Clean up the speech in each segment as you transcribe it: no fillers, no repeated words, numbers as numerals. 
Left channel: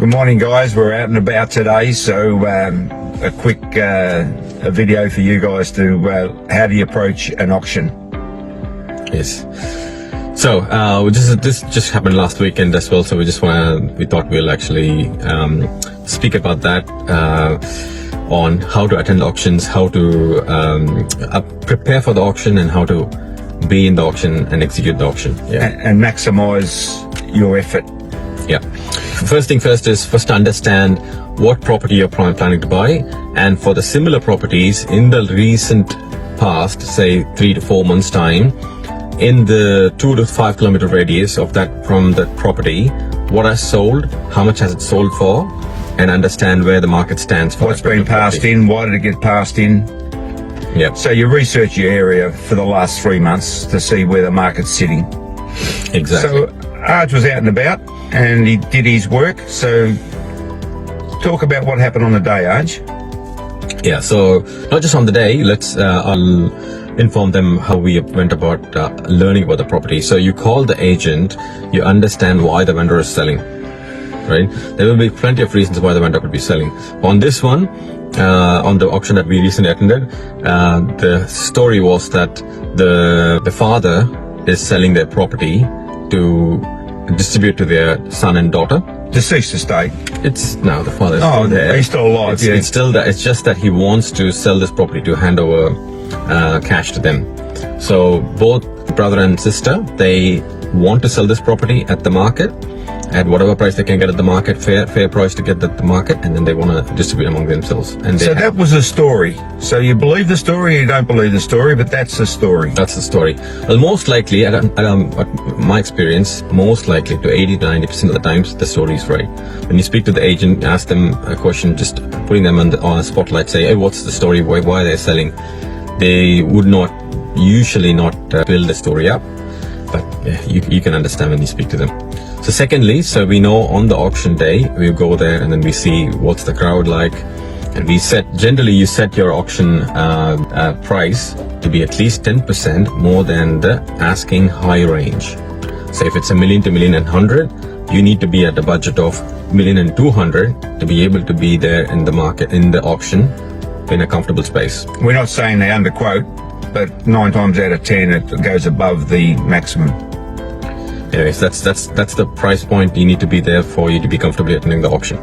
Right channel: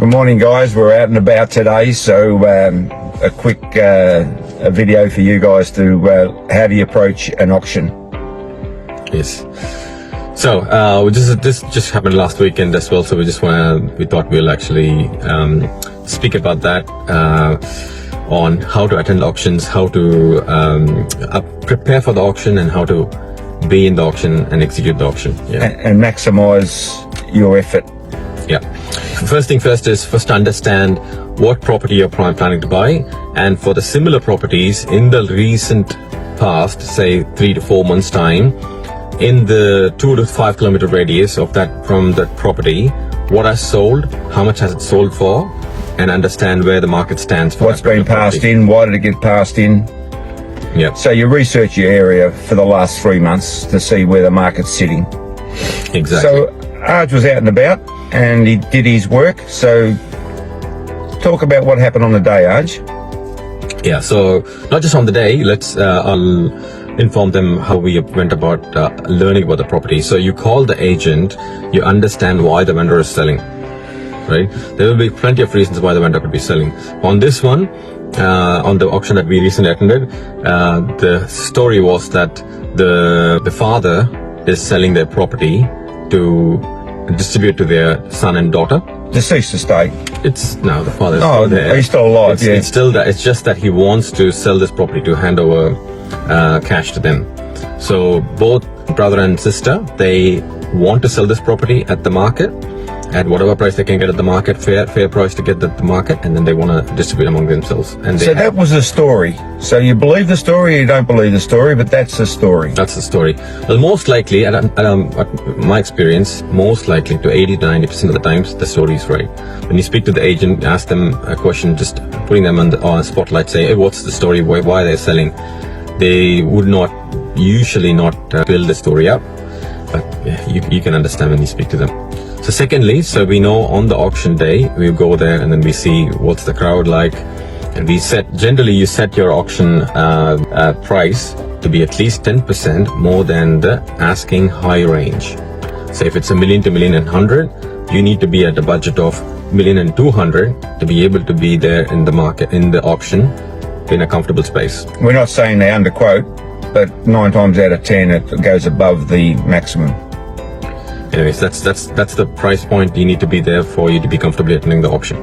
Good morning, guys. We're out and about today, so a quick a video for you guys to how do you approach an auction. Yes. So this just happened last weekend as well. So we thought we'll actually speak about that on how to attend auctions, how to prepare for the auction, and how to be in the auction and execute the auction. Yeah. And maximize your effort. Yeah. First thing first is to understand what property you're planning to buy, and for the similar properties in the recent past, say 3 to 4 months time, in the 2 to 5 kilometer radius of that from that property, what has sold, how much has it sold for, and understand where the market stands for what's been passed in, why did it get passed in. Yep. So you research your area for the last 3 months to see where the market's sitting. Exactly. So Arj was out and about and he did his work. So talk about what happened on the day, Arj. Yeah, so not just on the day, I'll inform them how we went about learning about the property. So you call the agent, you understand why the vendor is selling, right? There will be plenty of reasons why the vendor could be selling. On this one, on the auction that we recently attended, the story was that the father is selling their property to distribute to their son and daughter. Deceased estate. It's now the father's still there. He's still alive. It's still that. It's just that he wants to sell this property to hand over cash to them. So both brother and sister, they want to sell this property at the market, at whatever price they can get at the market, fair price to get at the market, and then they want to distribute among themselves. And so that was the story. So you believe the story, or you don't believe the story, but that's the story. That's the story. Well, most likely, at my experience, most likely to 80 to 90% of the times, the story is right. When you speak to the agent, ask them a question, just putting them on the spotlight, say, hey, what's the story? Why are they selling? They would usually not build the story up, but yeah, you can understand when you speak to them. So secondly, so we know on the auction day, we go there and then we see what's the crowd like, and generally you set your auction price to be at least 10% more than the asking high range. So if it's $1 million to $1.1 million, you need to be at a budget of $1.2 million to be able to be there in the market, in the auction, in a comfortable space. We're not saying they underquote, but 9 times out of 10 it goes above the maximum. Anyways, that's the price point you need to be there for you to be comfortably attending the auction.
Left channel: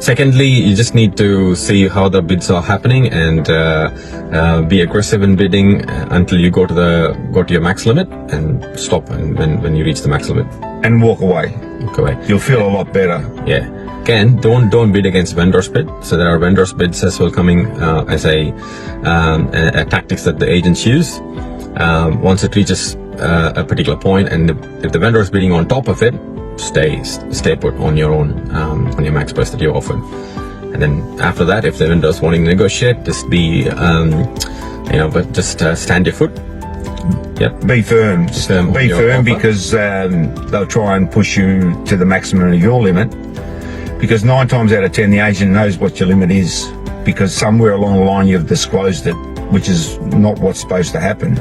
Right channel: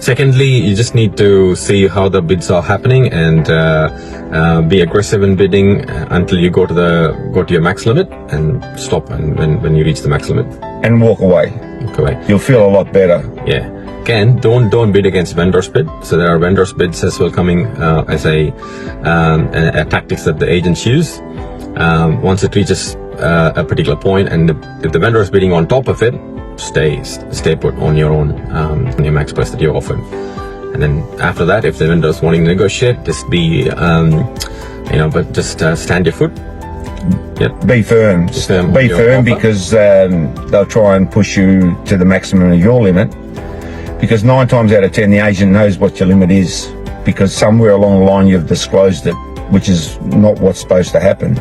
Secondly, you just need to see how the bids are happening and be aggressive in bidding until you go to your max limit, and stop when you reach the max limit. And walk away. Walk away. You'll feel a lot better. Yeah. Again, don't bid against vendor's bid. So there are vendor's bids as well coming as a tactics that the agents use. Once it reaches a particular point, and if the vendor is bidding on top of it, stay put on your own on your max price that you're offered. And then after that, if the vendor is wanting to negotiate, just be stand your foot. Yep. Be firm. Be firm because they'll try and push you to the maximum of your limit, because 9 times out of 10 the agent knows what your limit is, because somewhere along the line you've disclosed it, which is not what's supposed to happen.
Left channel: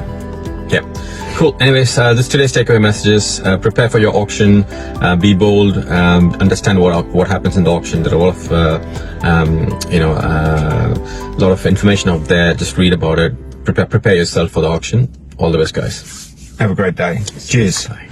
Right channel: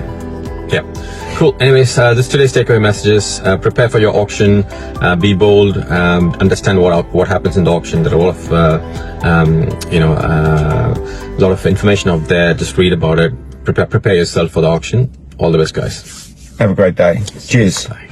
Yeah. Cool. Anyways, this today's takeaway messages. Prepare for your auction. Be bold. Understand what happens in the auction. There are a lot of information out there. Just read about it. Prepare yourself for the auction. All the best, guys. Have a great day. Cheers. Bye.